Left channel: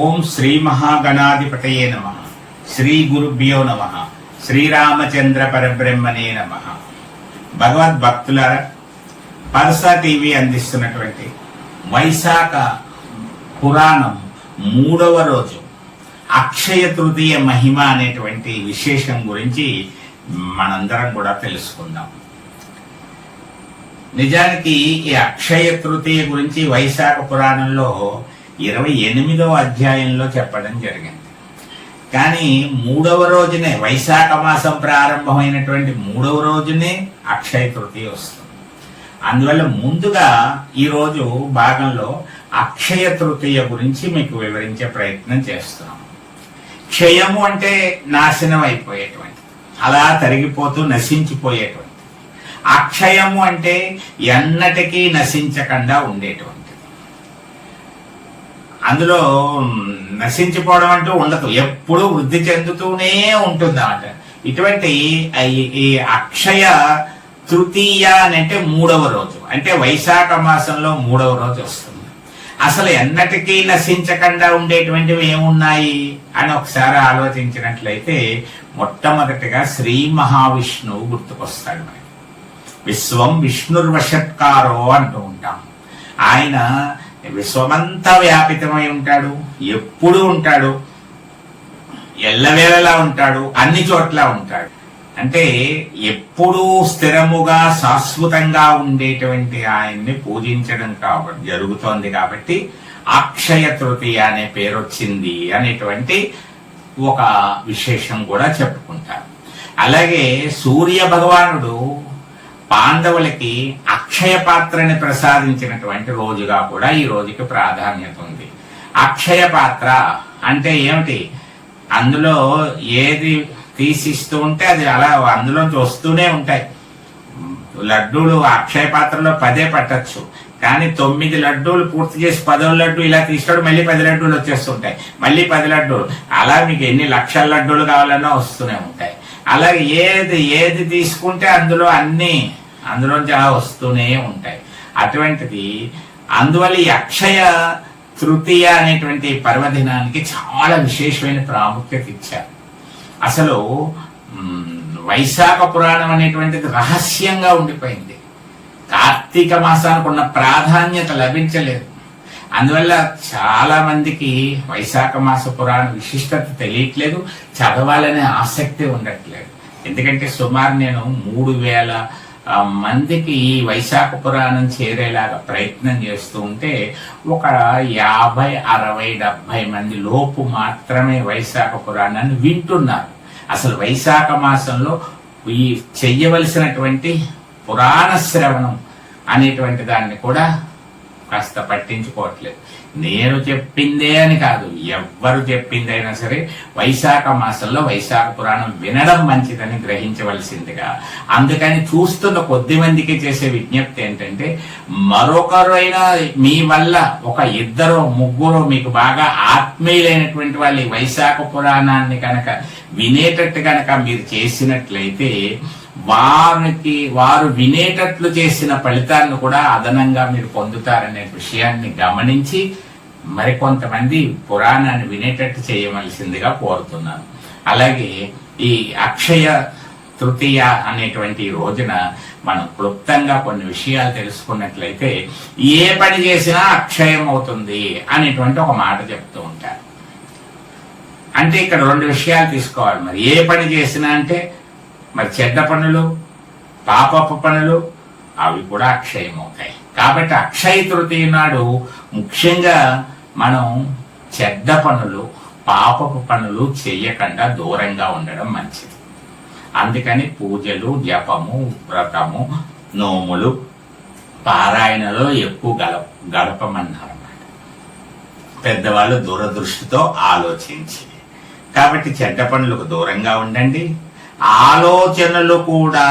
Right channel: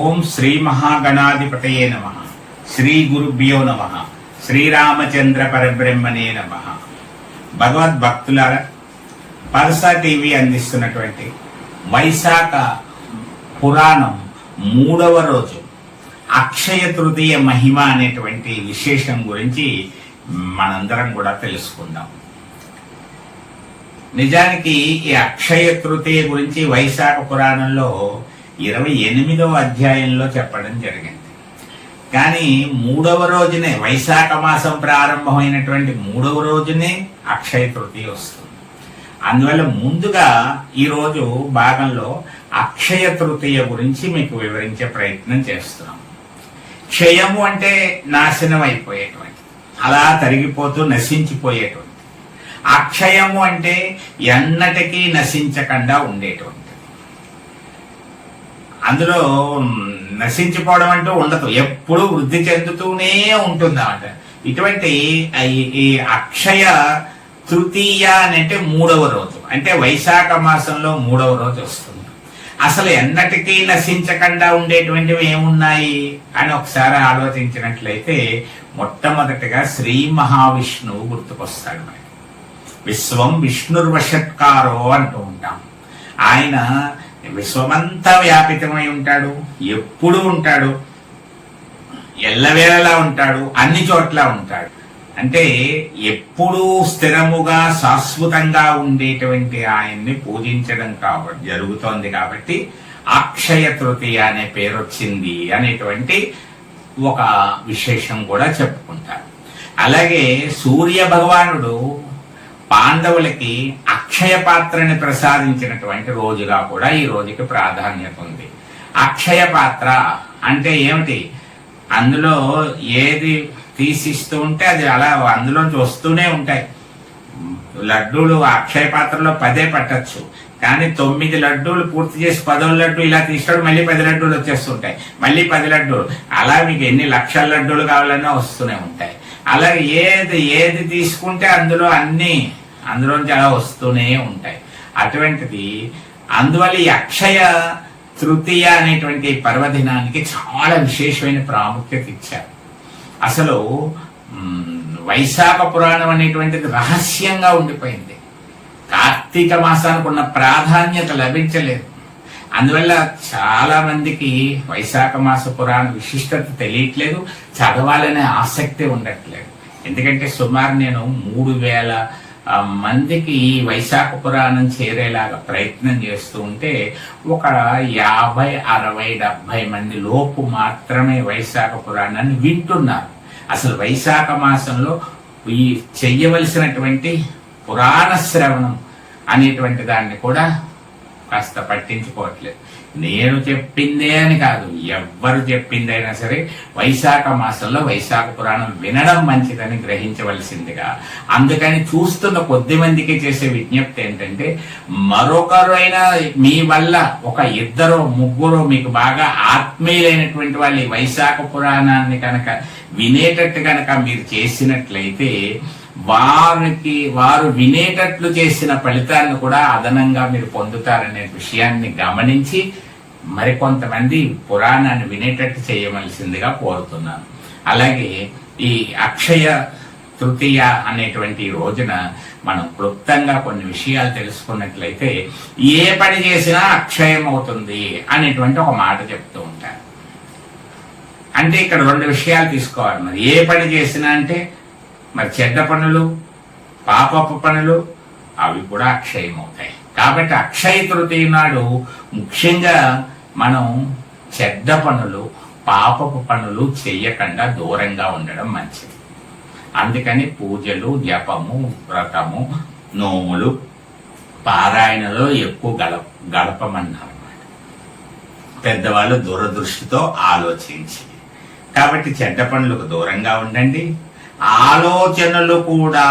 ఓం శ్రీ మహాగణాధిపతయే నమః. శ్రీ గురుభ్యో నమః. శ్రీరామచంద్ర పరబ్రహ్మణే నమః. భగవద్భక్తులారా, పరస టీవీ అందిస్తున్నటువంటి వైశాఖ పురాణం 3వ రోజు అక్షయ తృతీయ మహిమ అనేటువంటి విశేషం గురించి మనందరం కూడా తెలుసుకుందాం. నిజానికి ఈ అక్షయ తృతీయ గురించి వైశాఖ పురాణంలో 28వ అధ్యాయంలో చెప్పడం జరిగింది. కానీ 3వ రోజునే, వైశాఖ మాసం ప్రారంభమైనటువంటి 3వ రోజునే అక్షయ తృతీయ వస్తుంది. అందువల్ల ముందుగా ఈరోజు భాగంలో అక్షయ తృతీయ గురించి మీకు వివరించే ప్రయత్నం చేస్తున్నాం. క్షయము అంటే నాశనం అయిపోయేటువంటి, అలా తరిగిపోతూ నశించిపోయేటువంటి. అక్షయము అంటే ఎన్నటికీ నశించకుండా ఉండేటువంటి. అందులో నశించిపోవడం అంటూ ఉండదు, ఎప్పుడూ వృద్ధి చెందుతూనే ఉంటుంది అన్నమాట. ఇటువంటి ఈ అక్షయ తృతీయ అంటే 3వ రోజు, అంటే వైశాఖ మాసంలో 3వ రోజు వస్తుంది. అసలు ఎన్నటికీ నశించకుండా ఉండేటువంటివి ఏమున్నాయి అని ఒకసారి ఆలోచించినట్లయితే మొట్టమొదటిగా శ్రీ మహావిష్ణువు గుర్తుకొస్తాడు మనకి. విశ్వం విష్ణుర్వషట్కారో అంటూ ఉంటాం. ఆయన విశ్వమంతా వ్యాపితమై ఉంటాడు, ఎప్పుడూ ఉంటాడు, ఎల్లవేళలా ఉంటాడు, అన్ని చోట్ల ఉంటాడు. అంటే ఎప్పుడూ స్థిరముగా శాశ్వతంగా ఉండేటువంటి ఆయన్ని పూజించడం జరుగుతోంది. కాబట్టి అక్షయ తృతీయ అనే పేరు వచ్చింది అనేటువంటి ఒక విశేషం కూడా చెప్పుకుంటారు. అలాగే సూర్య భగవానుడు పాండవులకి అక్షయ పాత్రని ప్రసాదించినటువంటి రోజుగా కూడా ఈ రోజుకి ప్రాధాన్యత ఉంది. అక్షయ పాత్ర అంటే ఏమిటి? అందులో ఏది తీసిస్తూ ఉంటే అది అలా అందులోంచి వస్తూనే ఉంటాయి. లడ్డూలు అక్షయ పాత్రలో 10 పట్టచ్చు, కానీ 9 లడ్డూలు పూర్తి చేసి 10వ లడ్డు ఇలా తీస్తాడు, మళ్ళీ 10 లడ్డూలు వచ్చేస్తుంటాయి, మళ్ళీ 10 లడ్డూలు, అలా మీకు ఎన్ని లక్షల లడ్డూలు కావాలన్నా వస్తూనే ఉంటాయి. అలాగే ఏది తీసుకుంటే అందులోంచి అలా వస్తూనే ఉంటాయి. అటువంటిది అందువల్ల ఈ అక్షయ తృతీయ అనేటువంటి పర్వదినానికి చాలా విశేషమైన ప్రాముఖ్యత ఇచ్చారు. అసలు వైశాఖ పురాణం అనేటువంటిది రహస్యంగా ఉండిపోయింది. కార్తీక మాసానికి ఉన్న ప్రాధాన్యత లభించలేదు. అందువల్ల చాలా మందికి వైశాఖ మాస పురాణ విశిష్టత తెలియట్లేదు, చదవాలనే ఆసక్తి ఉండట్లేదు. ఎందుకంటే సుమారు నేను 3000 మందికి ఈ వైశాఖ పురాణం చేరేలాగా ప్రయత్నం చేస్తూ ఉంటే ఒక 50, 60, 70 మంది లోపు మాత్రమే వైశాఖ పురాణాన్ని వింటున్నారు. అసలు వైశాఖ మాసంలో ఈ చెయ్యవలసినటువంటి పురాణ శ్రవణం అనేటువంటి దాన్ని కూడా కాస్త పట్టించుకోవట్లేదు. నేను చెప్పిందే అని కాదు, ఎవ్వరు చెప్పిందైనా సరే వైశాఖ మాసంలో వైశాఖ పురాణం వినడం మంచిదని గ్రహించవలసిందిగా. అందుకని చూస్తున్న కొద్ది మందికి చేసే విజ్ఞప్తి ఏంటంటే, మరొకరైనా మీ వల్ల ఒక 2, 3 మీకు బాగా ఆత్మీయులైనటువంటి వాళ్ళు వైశాఖ పురాణాన్ని కనుక వినేటట్టు కనుక మీరు చేసినట్లయితే వారు వినేటట్లు చేసిన ఫలితాన్ని కూడా అదనంగా మీరు పొందుతారనే విషయాన్ని గమనించి మరికొంతమంది పురాణాన్ని వినేటట్టు చేయవలసిందిగా కోరుతున్నాను. అలాగే ఈ అక్షయ తృతీయ అనేటువంటి రోజున మనం క్లుప్తంగా కొన్ని విషయాలు తెలుసుకున్నట్లయితే, ఏ పని చేసినా అక్షయం అవుతుంది అనేటువంటి ఒక మాట చెప్తూ ఉంటారు. అంటే ఇక్కడ 2 విషయాలు తీసుకోవాలి. మరి ఏ పని చేసినా అంటే మరి చెడ్డ పనులు, పాపపు పనులు అవి కూడా అక్షయం అవుతాయి. కాబట్టి అక్షయ తృతీయ నాడు ముఖ్యంగా మనం చెడ్డ పనులు, పాపపు పనులు చెయ్యకుండా దూరంగా ఉండడం మంచిది. అందుకని పూజలు, జపము, వ్రతము, నోములు, పారాయణలో ఎక్కువ గడపమన్నారన్నమాట పెద్దవాళ్ళు దూరదృష్టితో ఆలోచించి. కాబట్టి చెడ్డ పనులకు దూరంగా ఉండండి. ఆలోచనలు కూడా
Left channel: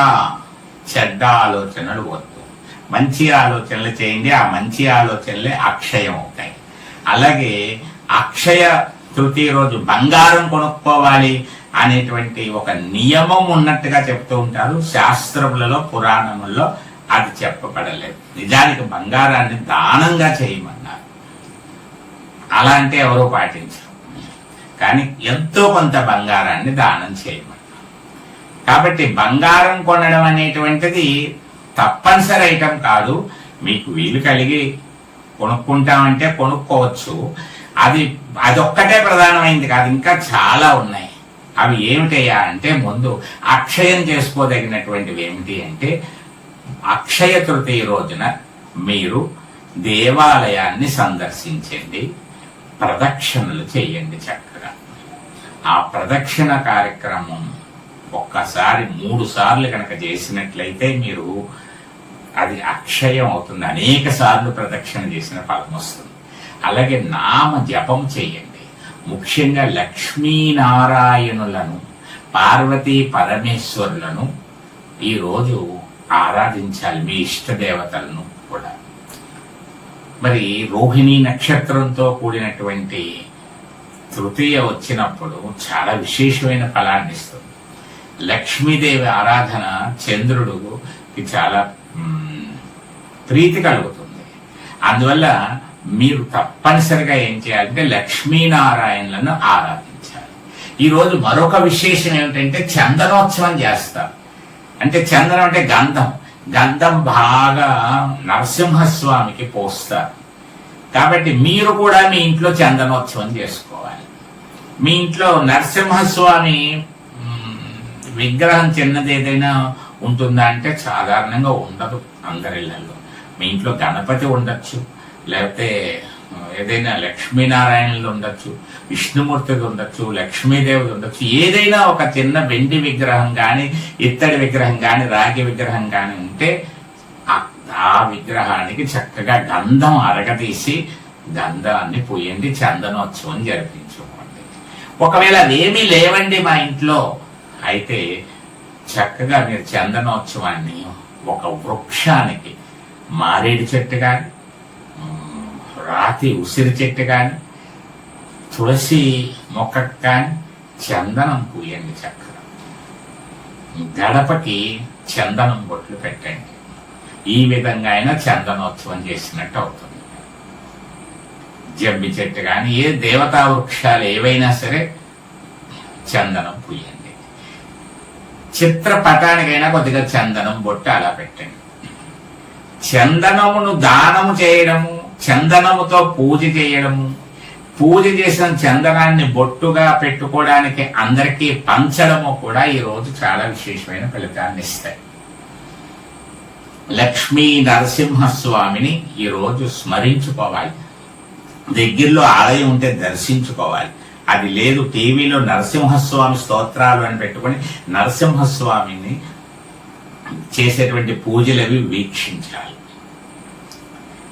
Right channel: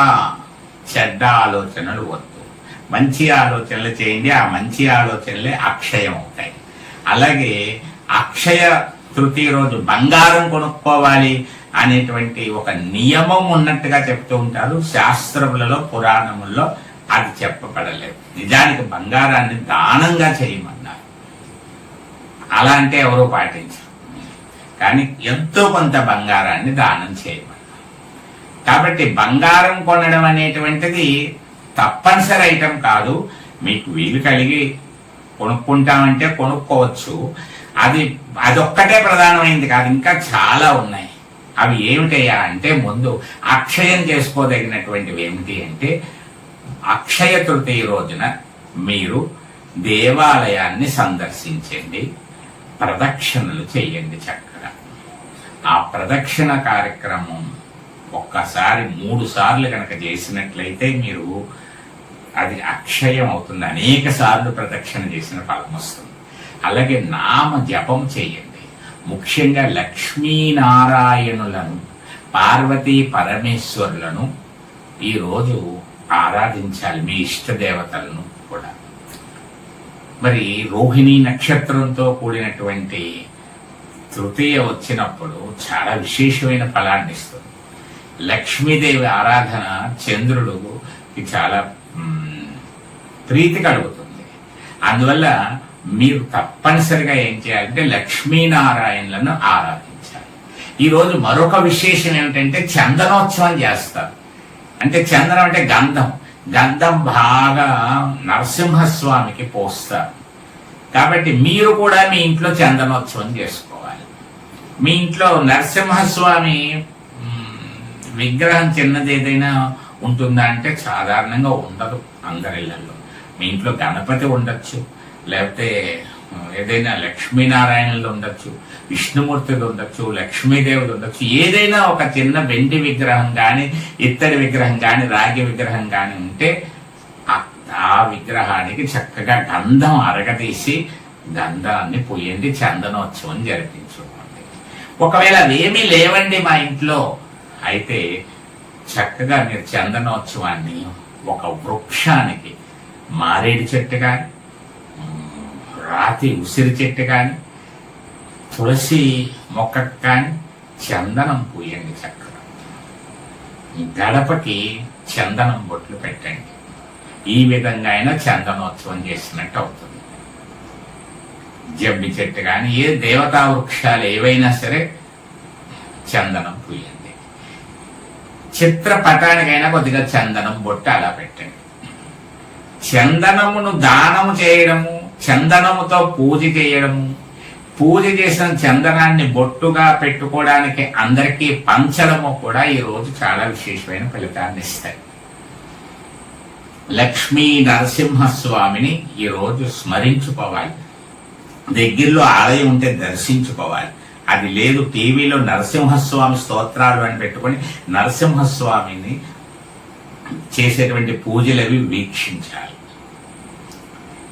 చెడ్డ ఆలోచనలు వద్దు, మంచి ఆలోచనలు చేయండి. ఆ మంచి ఆలోచనలే అక్షయం అవుతాయి. అలాగే అక్షయ తృతీయ రోజు బంగారం కొనుక్కోవాలి అనేటువంటి ఒక నియమం ఉన్నట్టుగా చెప్తూ ఉంటారు. శాస్త్రములలో పురాణముల్లో అది చెప్పబడలేదు. నిజానికి బంగారాన్ని దానంగా చేయమన్నారు. అలా అంటే ఎవరో పాటించరు, కానీ ఎంతో కొంత బంగారాన్ని దానం చేయమన్నారు. కాబట్టి బంగారం కొనడం అనేటువంటిది తప్పనిసరి ఐటమ్ కాదు. మీకు వీలు కలిగి కొనుక్కుంటామంటే కొనుక్కోవచ్చు. అదొక్కటే ప్రధానమైంది కాదు, ఇంకా చాలా ఉన్నాయి. అవి ఏమిటయ్యా అంటే, ముందు అక్షయం చేసుకోదగినటువంటివి ఏమిటి అంటే, అక్షయ తృతీయ రోజున మీరు దేవాలయాన్ని సందర్శించండి, ప్రదక్షిణలు చేయండి. చక్కగా ఆ ప్రదక్షిణ కార్యక్రమం ఒక్కసారి 3 సార్లు కనుక చేసినట్లయితే మీరు అది అక్షయం అవుతుంది. అనేక సార్లు ప్రదక్షిణ చేసిన ఫలం వస్తుంది. అలాగే నామ జపం చేయండి. ముఖ్యంగా లక్ష్మీనారాయణులను, పార్వతీ పరమేశ్వరులను ఈరోజు ఆరాధించాలి, మీ ఇష్ట దేవతలను కూడా. మరి రోహిణీ నక్షత్రంతో కూడినటువంటి తృతీయ వచ్చినప్పుడు చాలా విశేషమైన ఫలాన్ని ఇస్తుంది. లక్ష్మీదేవి ఆరాధన చంద్రుడికి చాలా ప్రీతి కలుగుతుంది. అందువల్ల మీరు తప్పనిసరిగా ఏం చేయాలంటే లక్ష్మీనారాయణలను ఆరాధించాలి. ఈరోజు మరొక విశేషం ఏమిటంటే చందనోత్సవం చేస్తారు. అంటే చందనం అంటే గంధం బాగా నరసింహస్వామికి పోస్తారు. కాబట్టి మీరు కూడా మీ ఇంట్లో చందనోత్సవం చేసుకోవాలి. మీ ఇంట్లో నరసింహస్వామి విగ్రహం చిన్నది ఏదైనా ఉంటుందా అంటే సాధారణంగా ఉండదు అందరిళ్లలో. మీ ఇంట్లో గణపతి ఉండొచ్చు, లేకపోతే ఏదైనా లక్ష్మీనారాయణులు ఉండొచ్చు, విష్ణుమూర్తులు ఉండొచ్చు, లక్ష్మీదేవులు ఉండొచ్చు. ఏదైనా ఒక చిన్న వెండి విగ్రహం కానీ, ఇత్తడి విగ్రహం కానీ, రాగి విగ్రహం కానీ ఉంటే ఆ విగ్రహానికి చక్కగా గంధం అరగదీసి గంధాన్ని పూయండి, చందనోత్సవం జరిపించుకోండి. ఒకవేళ అదేమీ లేవండి మా ఇంట్లో అయితే చక్కగా మీరు చందనోత్సవాన్ని ఒక వృక్షానికి, మారేడు చెట్టు కానీ, రాతి ఉసిరి చెట్టు కానీ, తులసి మొక్కకు కానీ చందనం పూయండి. చక్కగా గడపకి చందనం బొట్లు పెట్టండి. ఈ విధంగా అయినా చందనోత్సవం చేసినట్టు అవుతుంది. జమ్మి చెట్టు కానీ, ఏ దేవతా వృక్షాలు ఏవైనా సరే చందనం పూయండి. చిత్రపటానికైనా కొద్దిగా చందనం బొట్టు అలా పెట్టండి. చందనమును దానము చేయడము, చందనముతో పూజ చేయడము, పూజ చేసిన చందనాన్ని బొట్టుగా పెట్టుకోవడానికి అందరికీ పంచడము కూడా ఈ రోజు చాలా విశేషమైన ఫలితాన్ని ఇస్తాయి. లక్ష్మీ నరసింహస్వామిని ఈ రోజు స్మరించుకోవాలి. దగ్గరలో ఆలయం ఉంటే దర్శించుకోవాలి. అది లేదు, టీవీలో నరసింహస్వామి స్తోత్రాలు అని పెట్టుకొని నరసింహస్వామిని చేసేటువంటి పూజలవి వీక్షించాలి.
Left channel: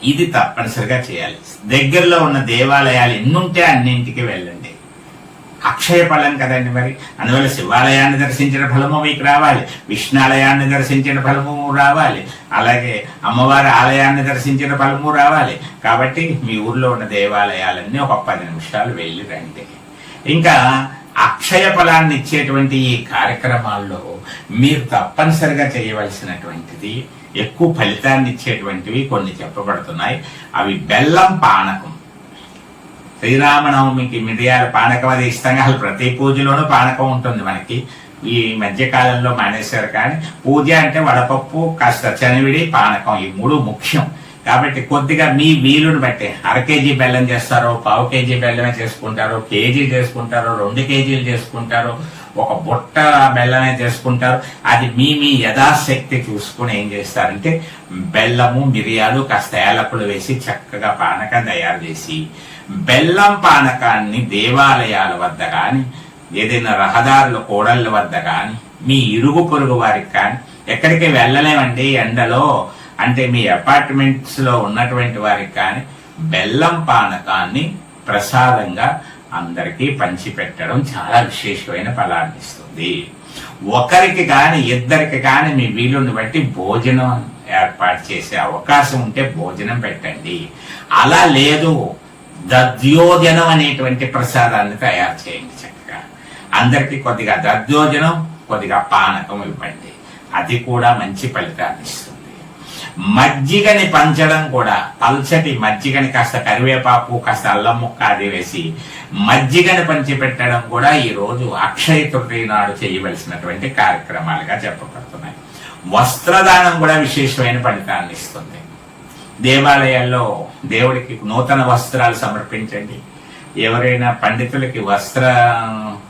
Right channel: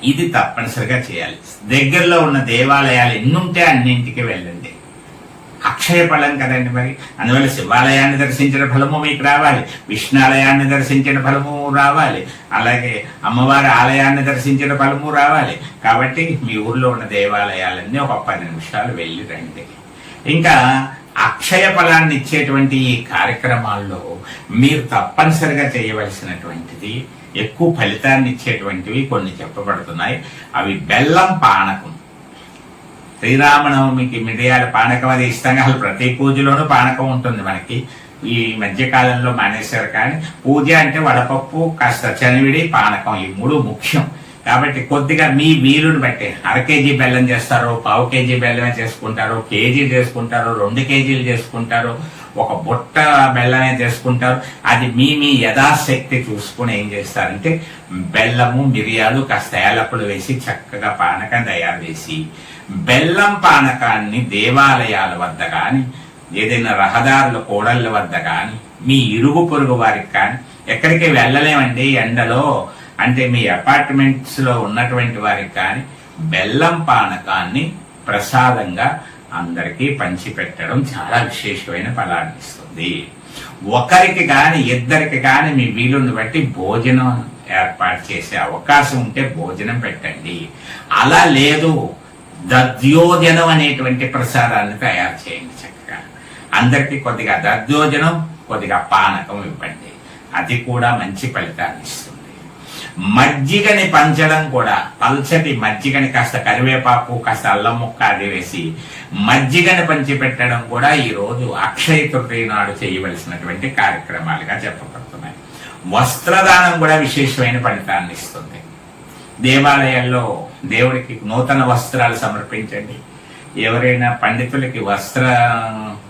ఇది తప్పనిసరిగా చేయాలి. దగ్గరలో ఉన్న దేవాలయాలు ఎన్నుంటే అన్నింటికి వెళ్ళండి. అక్షయ ఫలం కదండి మరి. అందువల్ల శివాలయాన్ని దర్శించిన ఫలము మీకు రావాలి, విష్ణాలయాన్ని దర్శించిన ఫలము రావాలి, అలాగే అమ్మవారి ఆలయాన్ని దర్శించిన ఫలము రావాలి. కాబట్టి మీ ఊర్లో ఉన్న దేవాలయాలన్నీ ఒక 10 నిమిషాలు వెళ్ళి రండి. ఇంకా అక్షయ ఫలాన్ని ఇచ్చేటువంటి ఈ కార్యక్రమాల్లో మీరు తప్పనిసరిగా చేయవలసినటువంటిది, ఎక్కువ ఫలితాన్ని ఇచ్చేటువంటివి కొన్ని చెప్పబడుతున్నాయి. అవి బెల్లం పానకం. శ్రీరామనవమికి మిరియాల పానకం అది ఇష్టంగా, అసలు ప్రతి పూజలోనూ పానకం ఉంటుంది మనకి. ఈ మధ్యకాలంలో మానేశారు, కానీ పూజ అంటే వడపప్పు, కాస్త చనివిడి, పానకం, ఈ 3 ముఖ్యం. కాబట్టి కొద్దిగా మీ వీలుని బట్టి 1/2 కేజీ బెల్లం చేస్తారో, 1/4 కేజీ బెల్లమే చేసుకుంటారో, కేజీ చేసుకుంటారో, 2 కేజీలు చేసుకుంటారో, ఒక బుట్ట బెల్లమే చేసుకుంటారు. అది మీ యథాశక్తి చూసుకుని ఏం చేస్తారంటే బెల్లము, మిరియాలు, కాస్త ఏలకులు వేసి చక్కగా పానకం తయారు చేసి, బెల్లం పానకాన్ని దేవాలయాల వద్ద కానీ, ఏదైనా రహదారుల కూడళ్ల వద్ద కానీ, మీ ఇరుగు పొరుగు వారికి కానీ, ఎక్కడికి వెళ్ళలేమండి ఎండలో అంటే మీ అపార్ట్మెంట్స్ లో ఉన్నటువంటి వారికి కానీ బెల్లం పానకాన్ని ప్రసాదంగా అందరికీ పంచిపెట్టడం చాలా విశేషమైన ఫలాన్ని ఇస్తుంది. ఒకరికి కాని, ఇద్దరికి కాని మీ వీలుని బట్టి భోజనం ఏర్పాటు చేసే అవకాశం ఉంటే భోజనం పెట్టండి. అలా లేదు, దద్యోజనం అనేటువంటి ప్రసాదాన్ని తయారు చేయండి. చక్కగా అందరికీ కొద్దిగా దద్దోజనం, కొద్దిగా పానకం ఇవ్వండి. అది కూడా మంచి ఫలితాన్ని ఇస్తుంది. మజ్జిగని పంచడం కూడా, పల్చటి మజ్జిగని కాస్త కరివేపాకు, కాస్త అల్లం ముక్క అది వేసి మజ్జిగని పంచి పెట్టడం కూడా ఈ రోజు అక్షయ తృతీయ నాడు చేయవలసినటువంటి కార్యక్రమాలుగా చెప్పబడుతున్నాయి. వస్త్రదానం కూడా విశేషమైన ఫలితాన్ని ఇస్తుంది. దేవాలయాల్లో దేవుడికి నూతన వస్త్రాలు సమర్పించండి. ఎవరైనా పండితులకి వస్త్ర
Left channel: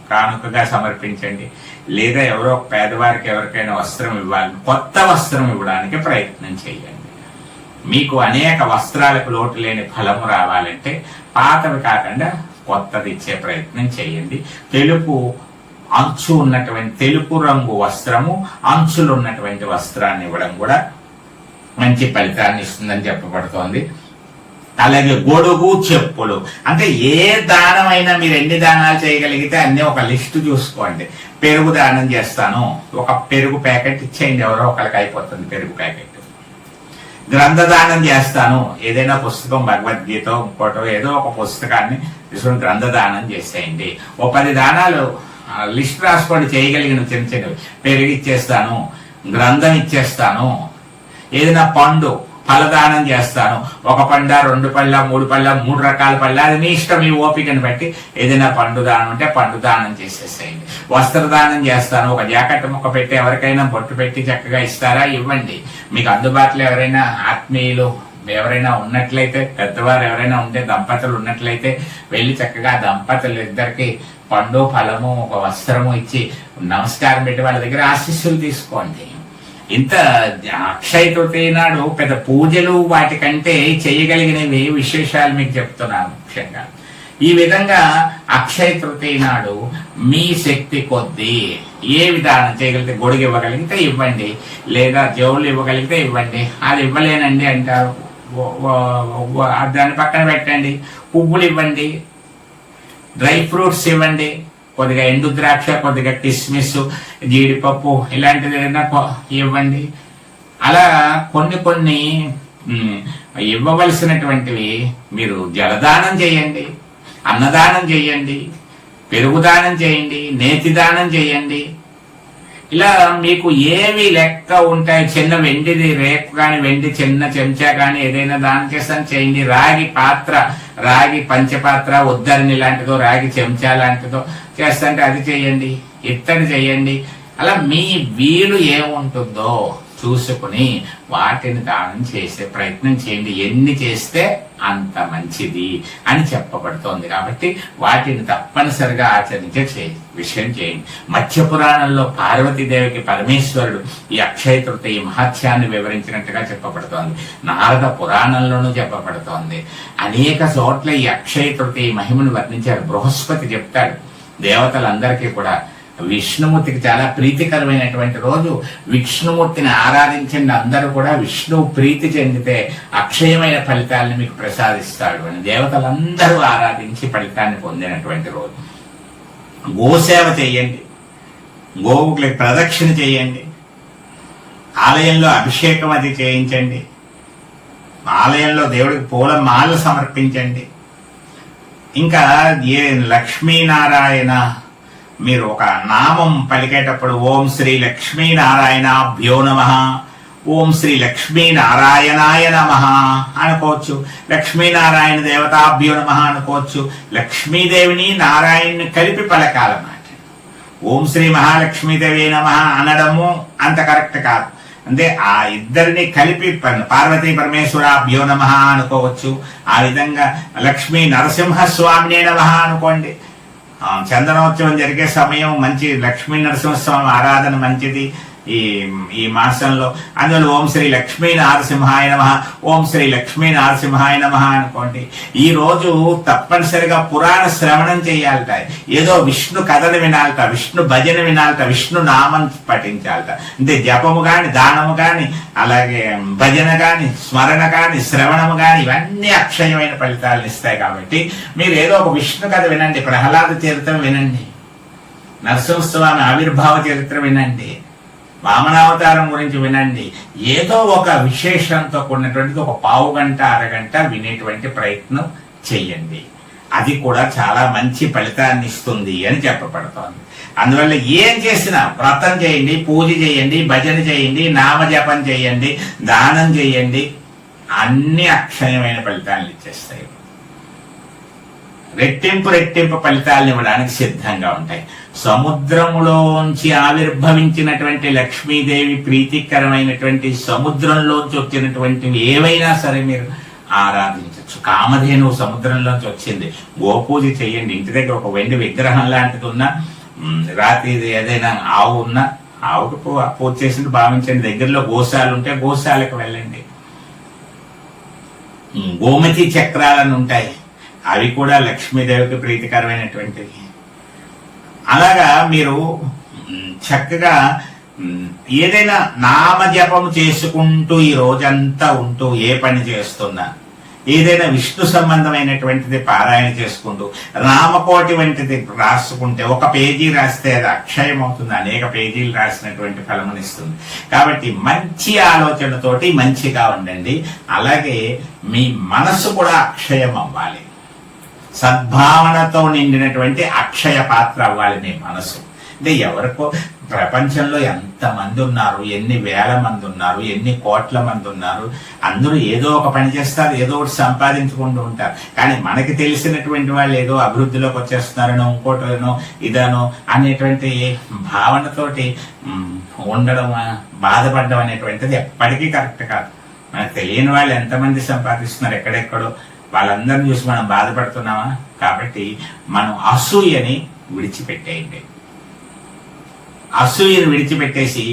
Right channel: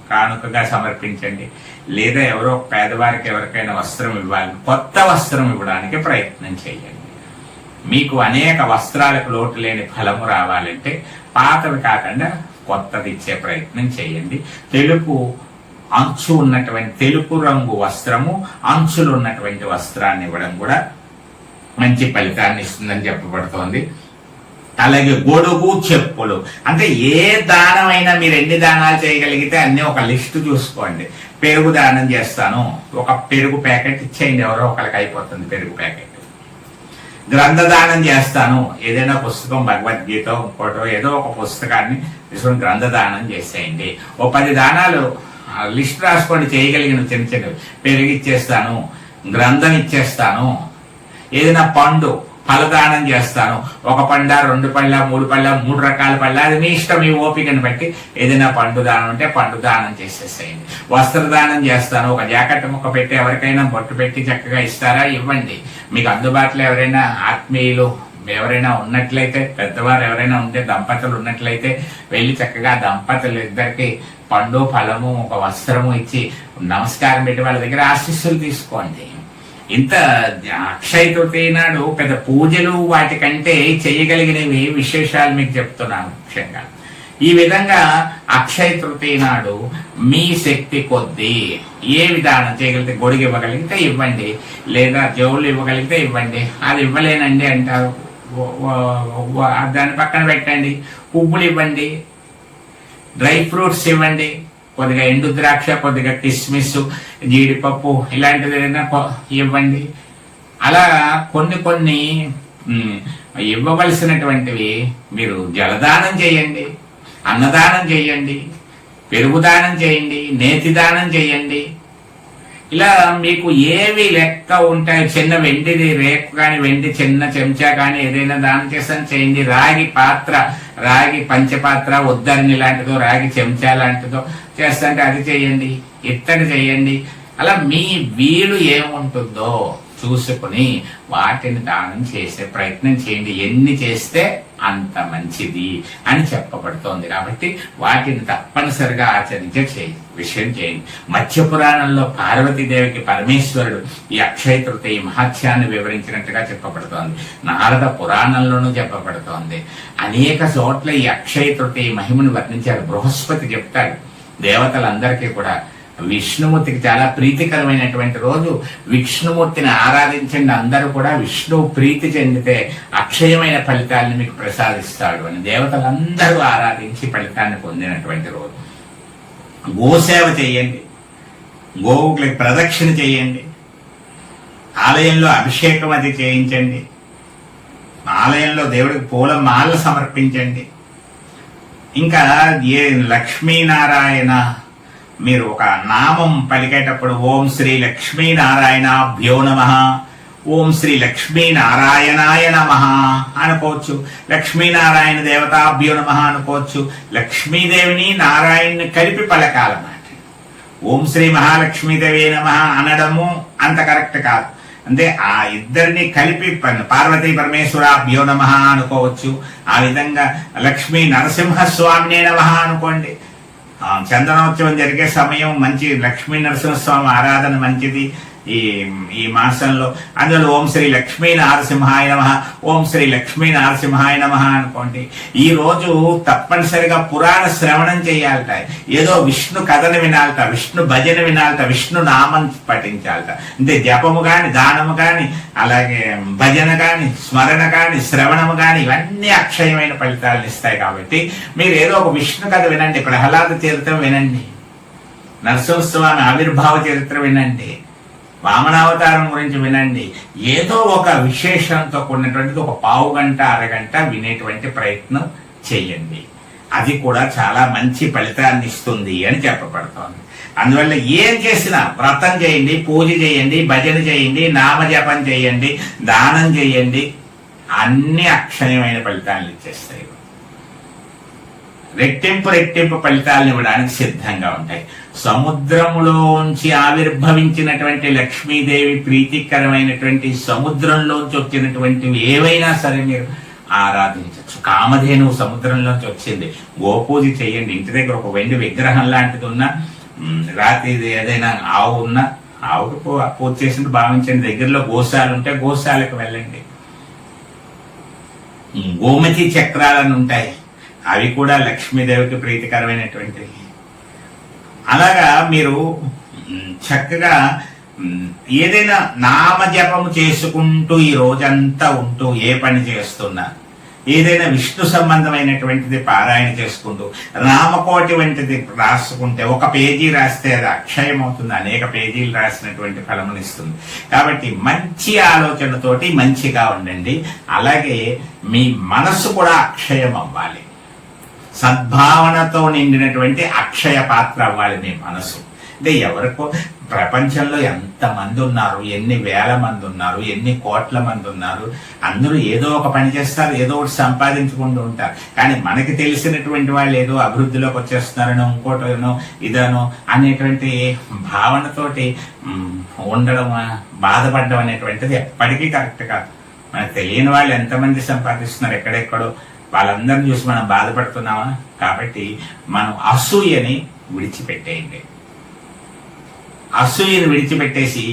కానుకగా సమర్పించండి. లేదా ఎవరో పేదవారికి ఎవరికైనా వస్త్రం ఇవ్వాలి, కొత్త వస్త్రం ఇవ్వడానికి ప్రయత్నం చేయండి. మీకు అనేక వస్త్రాలకు లోటు లేని ఫలము రావాలంటే పాతవి కాకుండా కొత్తది ఇచ్చే ప్రయత్నం చేయండి. తెలుపు రంగు వస్త్రము, అంచులు ఉన్నటువంటి వస్త్రాన్ని ఇవ్వడం కూడా మంచి ఫలితాన్ని ఇస్తుందని చెప్పబడుతోంది. అలాగే గొడుగు, చెప్పులు, అంటే ఏ దానమైనా మీరు ఎన్ని దానాలు చేయగలిగితే అన్ని ఒక లిస్టు చూసుకోండి. పెరుగు దానం చేస్తాను, ఒక పెరుగు ప్యాకెట్ ఇచ్చేయండి, ఎవరో ఒకరికి అయిపోతుంది పెరుగు ప్యాకెట్. గ్రంథదానం చేస్తాను, ఏదైనా పుస్తకం, భగవద్గీత, ఇంకోటో ఏదో ఒక పుస్తకాన్ని తీసుకుని గ్రంథదానం చేసేయండి. ఓ 10 దానాలు లిస్ట్ రాసుకోండి చేయగలిగిన చిన్న చిన్నవి. పెరుగు ఇచ్చేస్తాను, గ్రంథం ఇచ్చేస్తాను, ఏదైనా పండు ఫలదానం చేస్తాను, 1 పండ, 2 పళ్ళ, 3 పళ్ళ, 3 రకాల పళ్ళ, అది మీ ఇష్టం, మీ ఓపికని బట్టి. ఏదైనా పండు దానం అంటే పండు దానం చేసేసేయండి. వస్త్రదానం చేస్తాను, ఒక జాకెట్ ముక్క పెట్టి ఎవరికైనా బొట్టు పెట్టి చక్కగా ఇస్తారా, ఇవ్వండి. మీకు అందుబాటులో ఎవరైనా ఆత్మీయులు ఎవరైనా ఉన్నట్లయితే, పెద్దవారు ఎవరైనా ఉంటే, దంపతులు ఉన్నట్లయితే వెళ్ళి చక్కగా దంపతులు ఇద్దరికి పండు, ఫలము, ఒక వస్త్రము ఇచ్చి నమస్కారం పెట్టి వాళ్ళ దగ్గర ఆశీస్సులు తీసుకోండి. ఇంత అక్షయ తృతీయ నాడు పెద్ద పూజలు వాటికంటే చేయగలిగినవి విశేషాలు మీకు చెప్తున్నాను ముఖ్యంగా. ఈ విధంగా అక్షయ తృతీయ నాడు మీ శక్తి కొద్దీ ఏ విధానం చేయగలిగితే, గొడుగు ఇవ్వగలిగితే ఇవ్వండి, లేదా జవులు ఇవ్వగలిగితే ఇవ్వండి. అది ఇవ్వలేనండి అంటారు, దాని పక్కన పెట్టండి. పువ్వులు ఇవ్వండి, డ్రై ఫ్రూట్స్ ఇవ్వండి, కొద్దిగా ఎండు ద్రాక్ష, కొద్దిగా కిస్మిస్, జీడిపప్పు ఇలాంటిది ఏదైనా ఇవ్వండి. అలా కొన్ని ఇవ్వవలసినటువంటివి మీరు జలదానం చేయండి, అన్నదానం చేయండి, పెరుగుదానం చేయండి, నేతి దానం చేయండి. ఇలా మీకు ఏవి లెక్క ఉంటాయి, చిన్న వెండిది రేకు కానీ, వెండి చిన్న చెంచా కానీ ఏదైనా దానం చేస్తాను చేయండి. రాగి పాత్ర, రాగి పంచపాత్ర, ఉద్దరిని లాంటిదో, రాగి చెంచా లాంటిదో చేస్తుంటే అది చేయండి, ఇత్తడి చేయండి. అలా మీ వీలు ఏముంటుందో చూసుకుని వాటిని దానం చేసే ప్రయత్నం చేయండి. ఎన్ని చేస్తే అంత మంచిది అని చెప్పబడుతోంది కాబట్టి వాటిని తప్పనిసరిగా ఆచరించే విషయం చేయండి. మత్స్య పురాణంలో పార్వతీదేవికి పరమేశ్వరుడు ఈ అక్షయ తృతీయ మహత్యాన్ని వివరించినట్టుగా చెప్పబడుతోంది. నారద పురాణంలోనూ చెప్పబడుతోంది. అనేక చోట్ల ఈ అక్షయ తృతీయ మహిమను వర్ణించారు. బృహస్పతి చెప్తాడు దేవతలందరికీ కూడా. విష్ణుమూర్తికి చాలా ప్రీతికరమైనటువంటి రోజు. విష్ణుమూర్తిని ఆరాధించండి, అందరూ కూడా విష్ణు ప్రీతి చెందితే అక్షయమైన ఫలితాలను మీకు ప్రసాదిస్తాడు అని దేవతలందరూ ఆరాధించి ఫలితాన్ని పొందినటువంటి రోజు. గోసేవ చేయండి, గోవుకి ప్రదక్షిణ చేయండి, ఆలయంలో అభిషేకం అది చేయించండి, ఆలయంలో దేవుడికి పూల మాలలు సమర్పించండి. ఇంకా ఏ లక్ష్మీనారాయణ మీరు ఒక నామం పలికేటప్పుడు ఓం శ్రీ లక్ష్మీనారాయణాభ్యో నమః, ఓం శ్రీ లక్ష్మీనారాయణాయ నమః అనుకోవచ్చు, లక్ష్మీనారాయణ దేవతాభ్యో నమః అనుకోవచ్చు. లక్ష్మీదేవిని నారాయణని కలిపి పలకాలన్నమాట. ఓం శ్రీ మహాలక్ష్మీదేవి నమః అనడము అంత కరెక్ట్ కాదు. అంటే ఆ ఇద్దరిని కలిపి పార్వతీ పరమేశ్వరాభ్యో నమః అనుకోవచ్చు. ఆ విధంగా లక్ష్మీ నరసింహస్వామినే నమః అనుకోండి. చందనోత్సవం జరిగే సమయం మంచి లక్ష్మీ నరసింహస్వామి ఆరాధన మంచిది ఈ మాసంలో. అందులో ఓం శ్రీ లక్ష్మీ నరసింహాయ నమః, ఓం శ్రీ లక్ష్మీ నరసింహాయ నమః అనుకోండి. ఈ రోజు తప్పనిసరిగా పురాణ శ్రవణం చేయాలట, ఏదో విష్ణు కథను వినాలట, విష్ణు భజన వినాలట, విష్ణు నామం పఠించాలట. అంటే జపము గాని, దానము గాని, అలాగే భజన గాని, స్మరణ గాని, శ్రవణము గాని ఇవన్నీ అక్షయమైన ఫలితాలను ఇస్తాయి. కాబట్టి మీరు ఏదో ఒక విష్ణు కథ వినండి, ప్రహ్లాద చరిత్ర వినండి, నరసింహస్వామి ఆవిర్భావ చరిత్ర వినండి, వామనావతారం గురించి వినండి. ఏదో ఒక విశేషంతో కూడినటువంటిది ఒక పావు గంట, అరగంట వినేటువంటి ప్రయత్నం చెయ్యండి. అది కూడా చాలా మంచి ఫలితాన్ని ఇస్తుంది అని చెప్పబడుతోంది. అందువల్ల ఏం చేసినా వ్రతం చేయండి, పూజ చేయండి, భజన చేయండి, నామజపం చేయండి, దానం చేయండి, అన్ని అక్షయమైన ఫలితాలను ఇచ్చేస్తాయి. రెట్టింపు ఫలితాలను ఇవ్వడానికి సిద్ధంగా ఉంటాయి. సముద్రములోంచి ఆవిర్భవించినటువంటి లక్ష్మీదేవి ప్రీతికరమైనటువంటి సముద్రంలోంచి వచ్చినటువంటివి ఏవైనా సరే మీరు ఆరాధించవచ్చు. కామధేనువు సముద్రంలోంచి వచ్చింది, గోపూజ చేయండి. ఇంటి దగ్గర ఒక వెండి విగ్రహం లాంటిది ఉన్నా, రాత్రి ఏదైనా ఆవు ఉన్నా ఆవుకు పూజ చేసినట్టు భావించండి. దగ్గరలో గోశాలు ఉంటే గోశాలకు వెళ్ళండి. గోమతి చక్రాలను ఉంటాయి, అవి కూడా లక్ష్మీదేవికి ప్రీతికరమైనటువంటివి. అలాగా మీరు చక్కగా ఏదైనా నామజపం చేసుకుంటూ ఈ రోజంతా ఉంటూ ఏ పని చేస్తున్నా, ఏదైనా విష్ణు సంబంధమైనటువంటిది పారాయణ చేసుకుంటూ, రామకోటి వంటిది రాసుకుంటే, ఒక పేజీ రాస్తే అది అక్షయం అవుతుంది, అనేక పేజీలు రాసినటువంటి ఫలమునిస్తుంది. కాబట్టి మంచి ఆలోచనతోటి మంచిగా ఉండండి. అలాగే మీ మనసు కూడా అక్షయం అవ్వాలి. సద్భావనతో నిండినటువంటి అక్షయ పాత్ర అవ్వాలి మీ మనసు. అంటే ఎవరికో ప్రపంచంలో ఎంతమంది ఉన్నారు, ఎన్ని వేల మంది ఉన్నారు, ఎన్ని కోట్ల మంది ఉన్నారు, అందరూ ఏదో ఒక పని చేస్తారు, ఏదో ఒకటి సంపాదించుకుంటూ ఉంటారు. కానీ మనకి తెలిసినటువంటి వాళ్ళు ఏదో అభివృద్ధిలోకి వచ్చేస్తున్నారనో, ఇంకోటనో ఇదనో అనేటువంటి భావనతోటి ఉండడం, బాధపడడం అనేటువంటిది ఎప్పటికీ కరెక్ట్ కాదు. మనకు తెలియని వాళ్ళు ఎంతమంది సంపాదిస్తున్నారు ఎక్కడెక్కడో, వాళ్ళందరినీ చూసి మనం బాధపడుతున్నామా? కాబట్టి మనం అసూయని విడిచిపెట్టేయండి. అసూయను విడిచిపెట్టేసి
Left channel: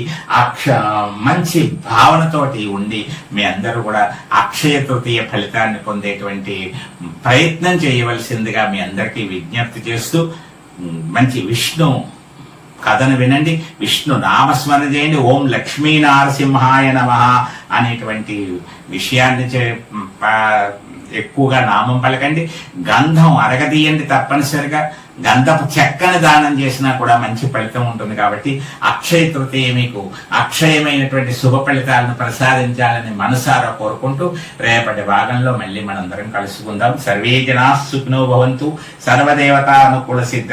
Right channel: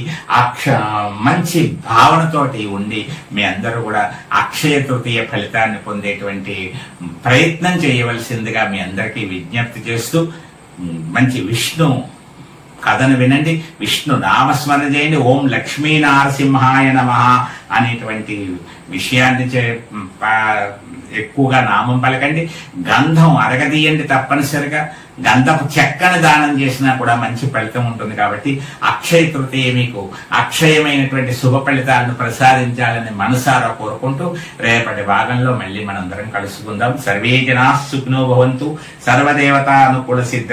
మంచి భావనతోటి ఉండి మీ అందరూ కూడా అక్షయ తృతీయ ఫలితాన్ని పొందేటువంటి ప్రయత్నం చేయవలసిందిగా మీ అందరికీ విజ్ఞప్తి చేస్తూ, మంచి విష్ణు కథను వినండి, విష్ణు నామస్మరణ చేయండి. ఓం లక్ష్మీ నారసింహాయ నమః అనేటువంటి విషయాన్ని ఎక్కువగా నామం పలకండి. గంధం అరగదీయండి తప్పనిసరిగా. గంధపు చెక్కను దానం చేసినా కూడా మంచి ఫలితం ఉంటుంది. కాబట్టి అక్షయ తృతీయ మీకు అక్షయమైనటువంటి శుభ ఫలితాలను ప్రసాదించాలని మనసారా కోరుకుంటూ రేపటి భాగంలో మళ్ళీ మనందరం కలుసుకుందాం. సర్వే జనా సుఖినో భవంతు. సర్వదేవతా అనుకూల సిద్ధ